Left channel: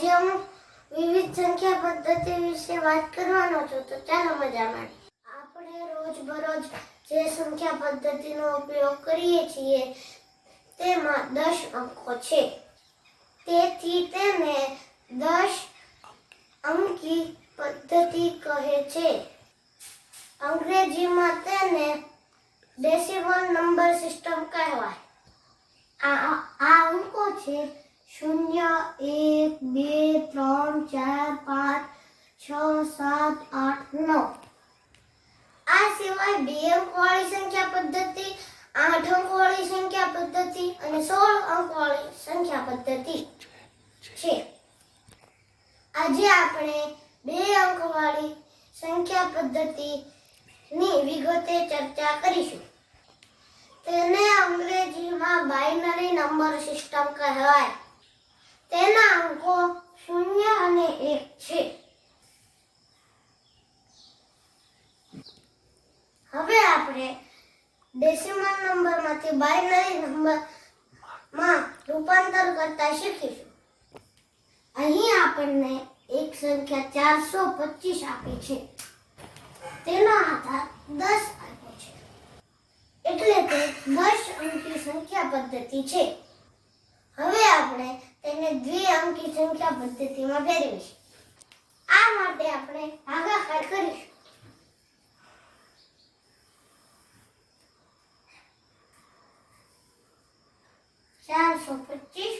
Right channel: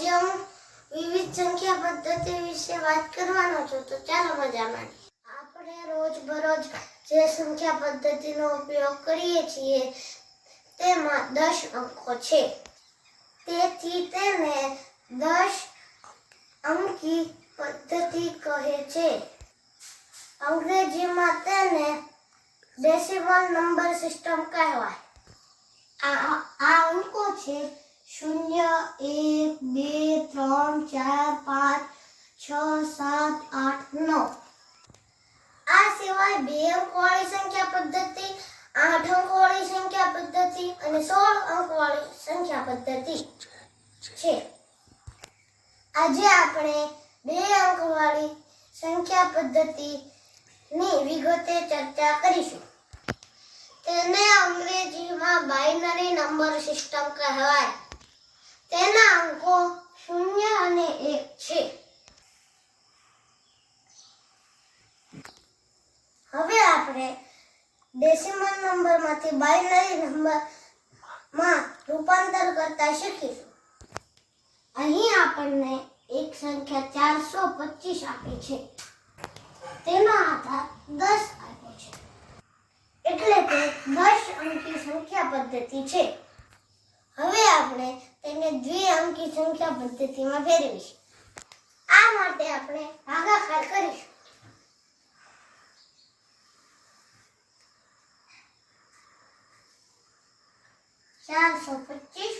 આજે હું વિવિધ સંખ્યા પદ્ધતિ વિશે વાત કરવાનો છું, તો ચાલો મજા માણીએ. આપણે રોજબરોજ જે સંખ્યા પદ્ધતિનો ઉપયોગ કરીએ છીએ, તેમાં દસ અંકો છે. તેથી તેને દસ અંકી પદ્ધતિ કહે છે. અંગ્રેજીમાં તેને ડેસિમલ નંબર સિસ્ટમ કહેવાય. આ આ અંકો છે શૂન્ય એક બે ત્રણ ચાર પાંચ છ સાત આઠ નવ આ સિવાય બે અંકવાળી સંખ્યા પદ્ધતિ, આઠ અંકવાળી સંખ્યા પદ્ધતિ અને સોળ અંકવાળી સંખ્યા પદ્ધતિ છે. આજે આપણે બે અંકવાળી સંખ્યા પદ્ધતિની વિગતે ચર્ચા કરીશું. તેને અંગ્રેજીમાં બાઇનરી નંબર સિસ્ટમ કહેવાય. તેના અંકો શૂન્ય અને એક છે. હવે આપણે ડેસિમલ નંબરમાંથી બાઇનરી નંબરમાં રૂપાંતર કરતા શીખીશું. અહીં આપણને એક સંખ્યા ચારસો પચીસ આપી છે. તેનો આધાર દસ આપ્યો છે. એટલે કે દસ અંકી સંખ્યા પદ્ધતિ છે. હવે આપણે તેને દ્વિઅંકી સંખ્યા પદ્ધતિમાં ફેરવીશું. આ માટે આપણે ભાગાકાર કરીશું. ચારસો પચીસ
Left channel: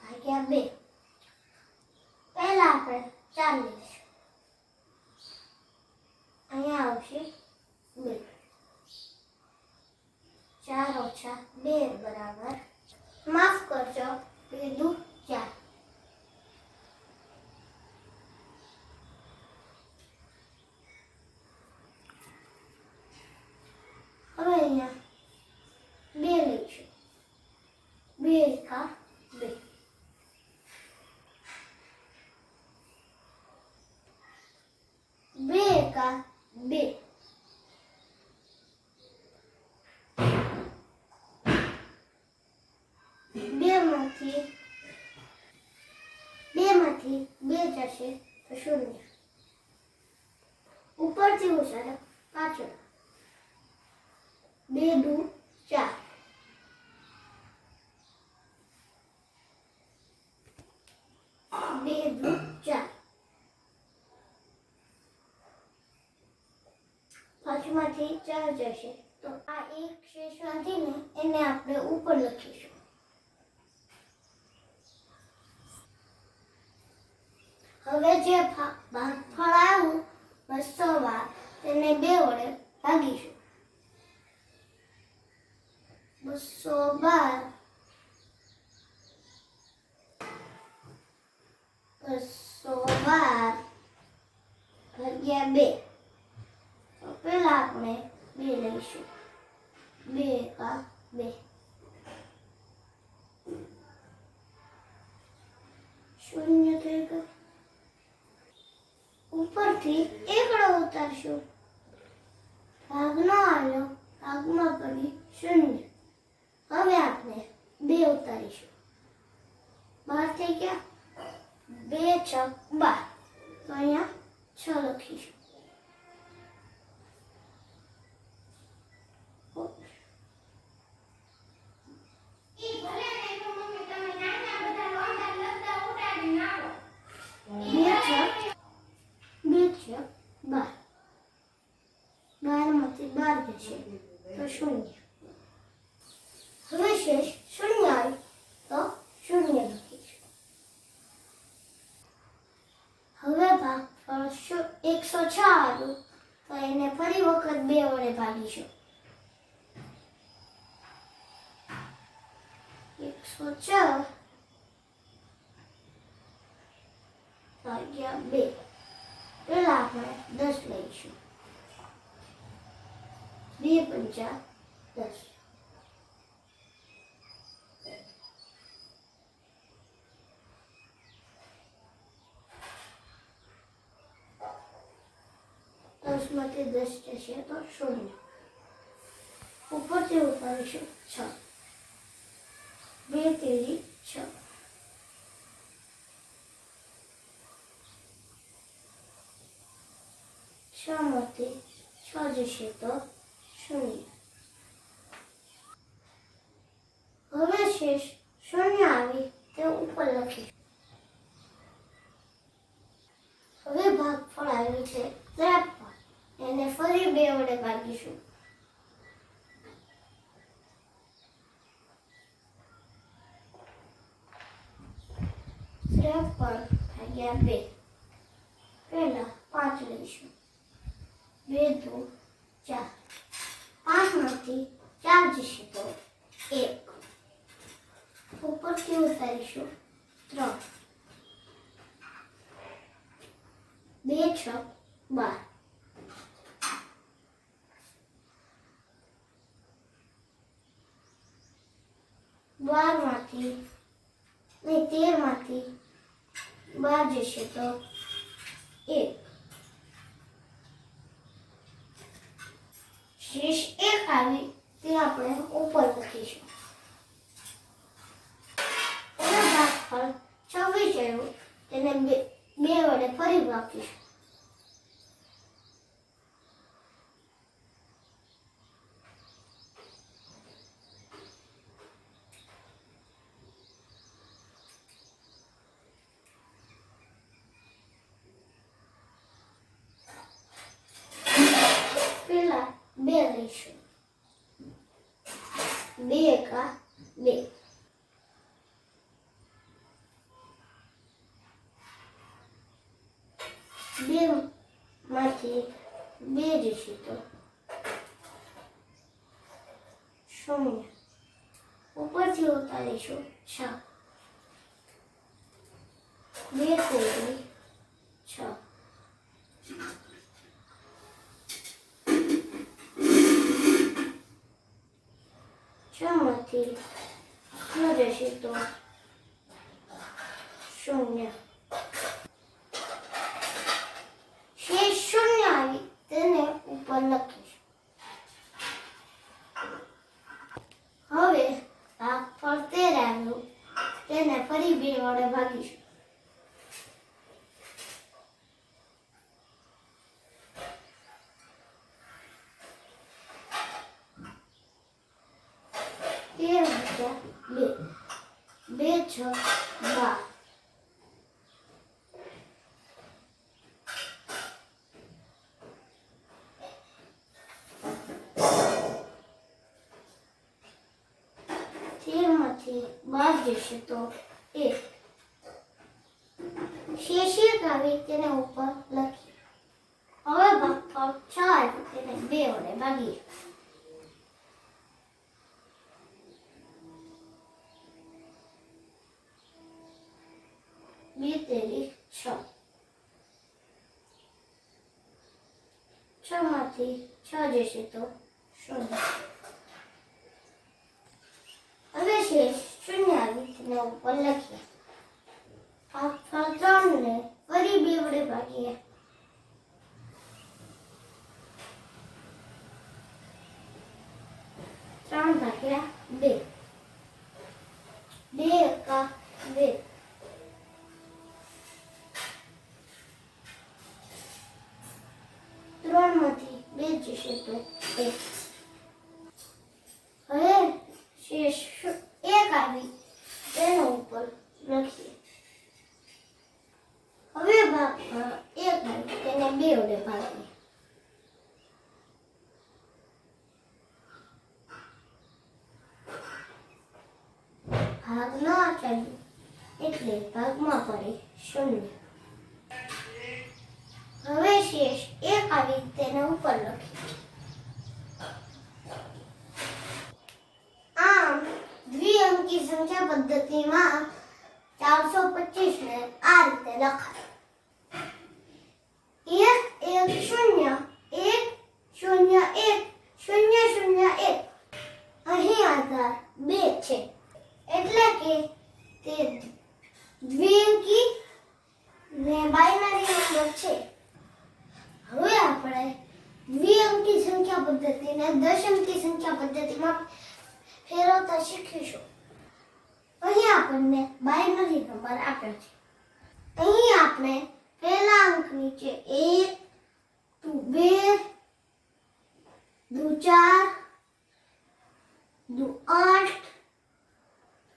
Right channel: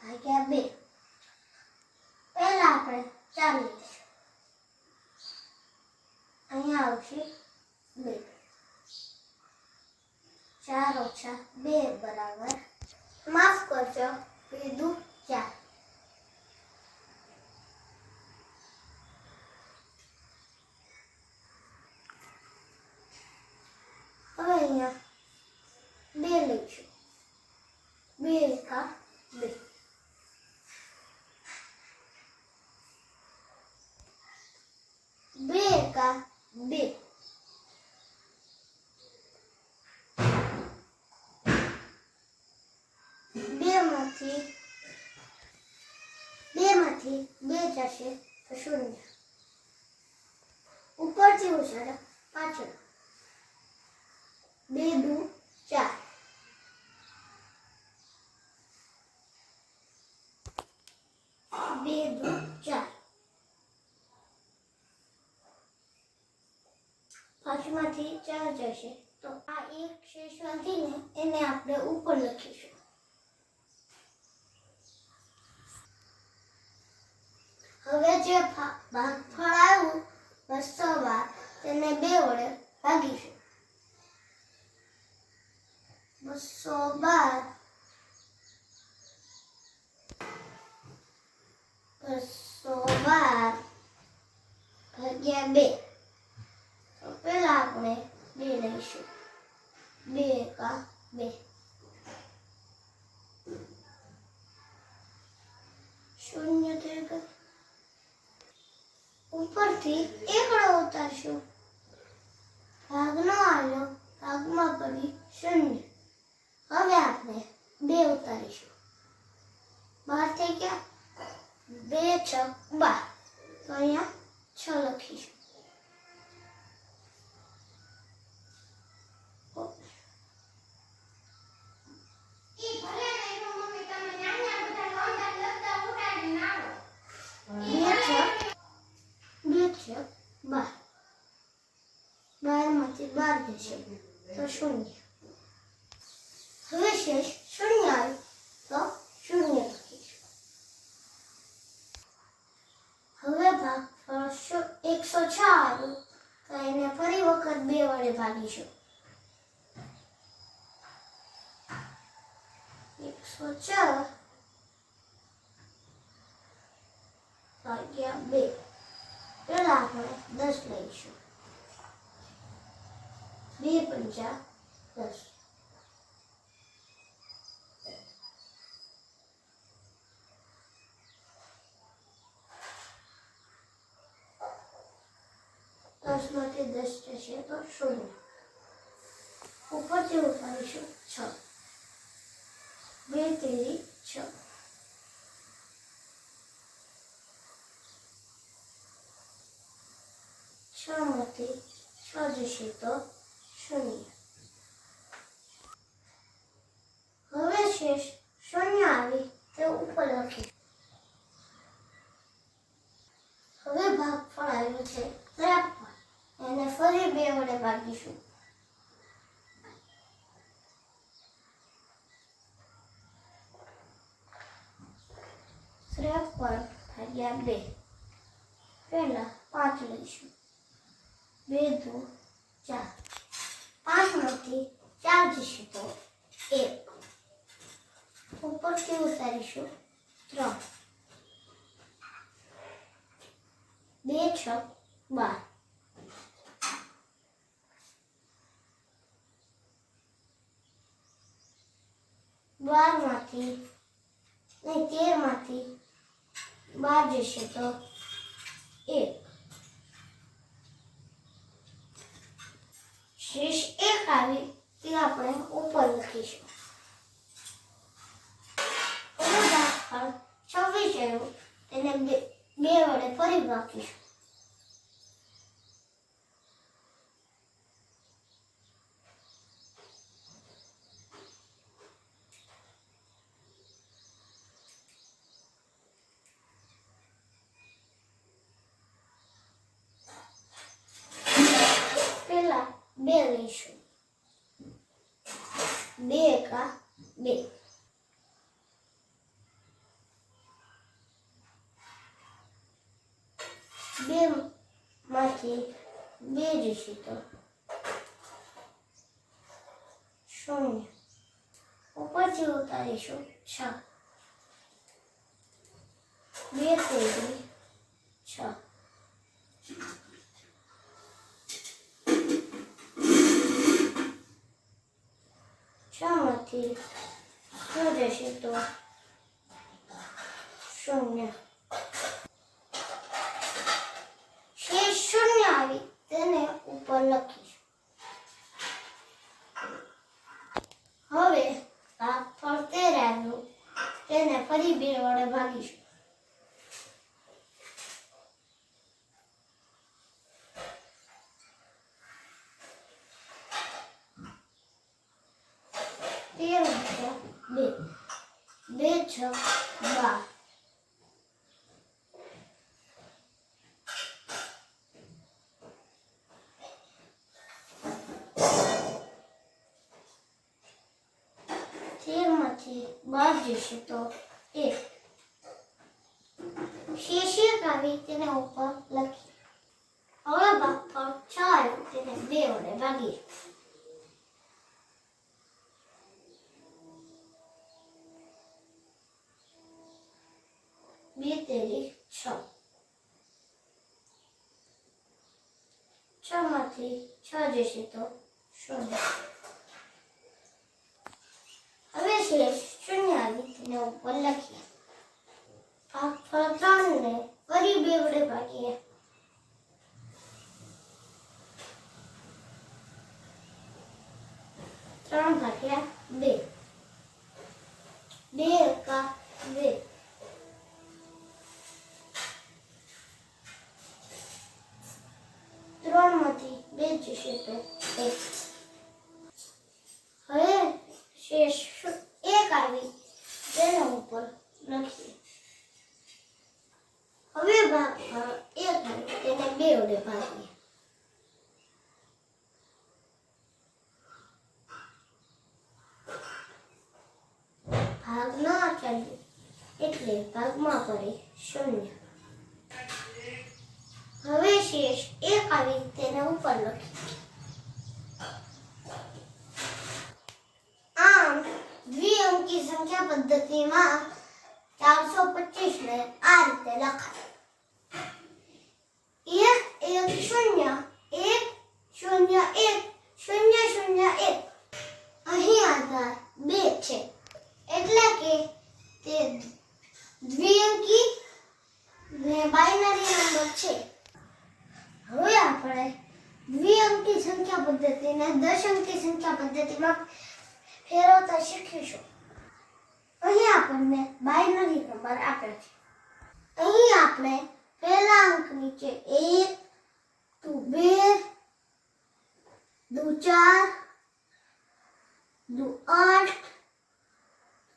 ભાગ્યા બે પહેલા આપણે ચાર લઈશું અહીંયા આવશે બે ચાર ઓછા બે બરાબર માફ કરજો બે દુ ચાર હવે અહીંયા બે લઈશું બે એકા બે બે એકા બે બે માંથી બે માંથી બે તો શૂન્ય ઉપરથી ઉછાળો, પાછળ. બે દુ, ચાર. બે દુ, ચાર. પાંચમાંથી ચાર જશે. તો આ એક શેષ વધીને એને આપણે ઉપર લખીશું. હવે જે ભાગફળ આવ્યું બસો વાર તેને બે વડે ભાગીશું. બસો બાર બસો બાર ભાગ્યા બે. તો પેલા આપણે બે લઈશું. બે કા બે શૂન્ય થઈ ગયું ઉપરથી એકડો ઉતારશું ભાગનો આવ્યો ભાગમાં પડી શૂન્ય હવે આપણે બે ઉતારીશું બાર થઈ ગયા બે છ બાર તો અહીંયા છ લખીશું બે છ બે છ બાર બારમાંથી બાર જશે તો શૂન્ય હવે શેષ શૂન્ય આવે તો શૂન્ય લખીશું હવે એકસો છ આવ્યું તો એને ફરી વખત બે વડે ભાગીશું એકસો છ. ભાગ્યા બે. પેલા આપણે દસ લઈશું. બે પંચા દસ. દસમાંથી દસ જશે તો શૂન્ય ઉપરથી ઉપાડીશું છ બે તેરી છ છ માંથી છ જશે તો શૂન્ય હવે શેષ શૂન્ય આવી તે ઉપર લખી હવે ભાગફળ આવ્યું છે ત્રેપન એને ફરી બે વડે ભાગીશું ત્રેપન ભાગ્યા બે પહેલા પાંચ લઈશું બે દો ચાર પાંચમાંથી ચાર જશે તો એક ઉપરથી ઉતારીશું ત્રણ બે છ બાર બારમાંથી નહીં તેરમાંથી બાર જશે તો એક શેષ એક આવી તે આપણે ઉપર લખીશું ભાગફળ છવ્વીસ આવ્યું તેને બે વડે ફરી ભાગીશું પેલા બે લઈશું બે એકા બે બે માંથી બે જશે તો શૂન્ય ઉપરથી ઉતારીશું છ બે તેરી છ છ માંથી છ જશે તો શૂન્ય શેષ શૂન્ય આવી તેને ઉપર લખીશ હવે ભાગ ફરતે રહેલું તેને ફરી બે વડે ભાગીશું તેર વત્તા બે બે છ. બાર તેરમાંથી બાર જશે તો એક શેષિક આવી તેને ઉપર લખી. હવે ભાગફળ છ આવ્યું તેને બે વડે તેરી છ. છ માંથી છ જશે તો શૂન્ય. હવે શેષ શૂન્ય આવી તેને ઉપર લખીએ. આ ફળ ત્રણ ને ફરી બે વડે ભાગીએ. ત્રણ ભાગ્યા બે. બે એકા બે. એક હવે શેષ એક આવી. તેના ઉપર લખીએ. હવે ભાગ એક આવી. તેને બે વડે ભાગીએ. ભાગ ન ચાલ્યું એટલે ભાગમાં પડે શૂન્ય. હવે શેષ એક આવી. તેને ઉપર લખીએ આમ દ્વિઅંકી પદ્ધતિમાં ચારસો પચીસ ને આ રીતે લખાય. એક એક શૂન્ય એક શૂન્ય એક શૂન્ય શૂન્ય એક. અહીં આધાર બે છે. એટલે કે તે દ્વિઅંકી ને બાઇનરી નંબર છે. હવે આપણે દ્વિઅંકી સંખ્યા પદ્ધતિને દશ અંકી સંખ્યા પદ્ધતિમાં ફેરવતા શીખીશું. અહીં આપણને બાયનરી નંબર આપેલ છે. અહીં આપણે પહેલા અંક નીચે એક, દુ, બે, દુ, ચાર, દુ, આઠ,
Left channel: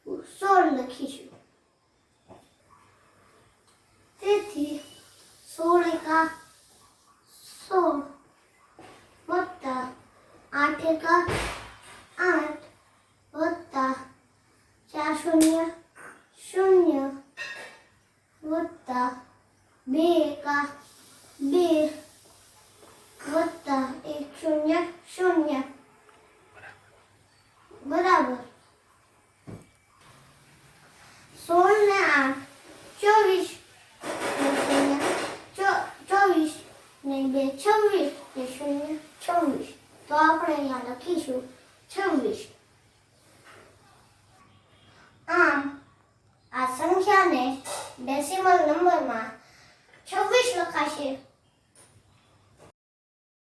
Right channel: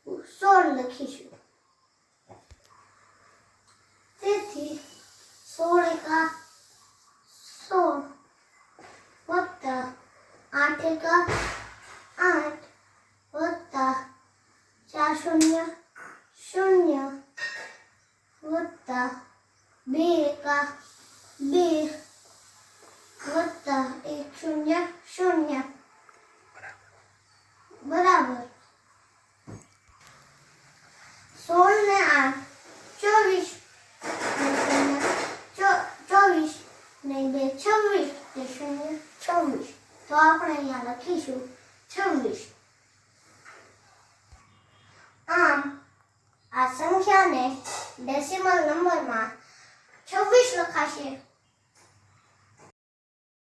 દુ, સોળ લખીશું. તેથી સોળ એકા સોળ વત્તા આઠ એકા આઠ વત્તા ચાર શૂન્ય શૂન્ય વત્તા બે એકા બે વત્તા એક શૂન્ય શૂન્ય બરાબર સોળ ને આઠ ચોવીસ ને શૂન્ય ચો- ચોવીસ ને બે છવ્વીસ ને શૂન્ય છવ્વીસ તો આપણે અહીંયા લખીશું.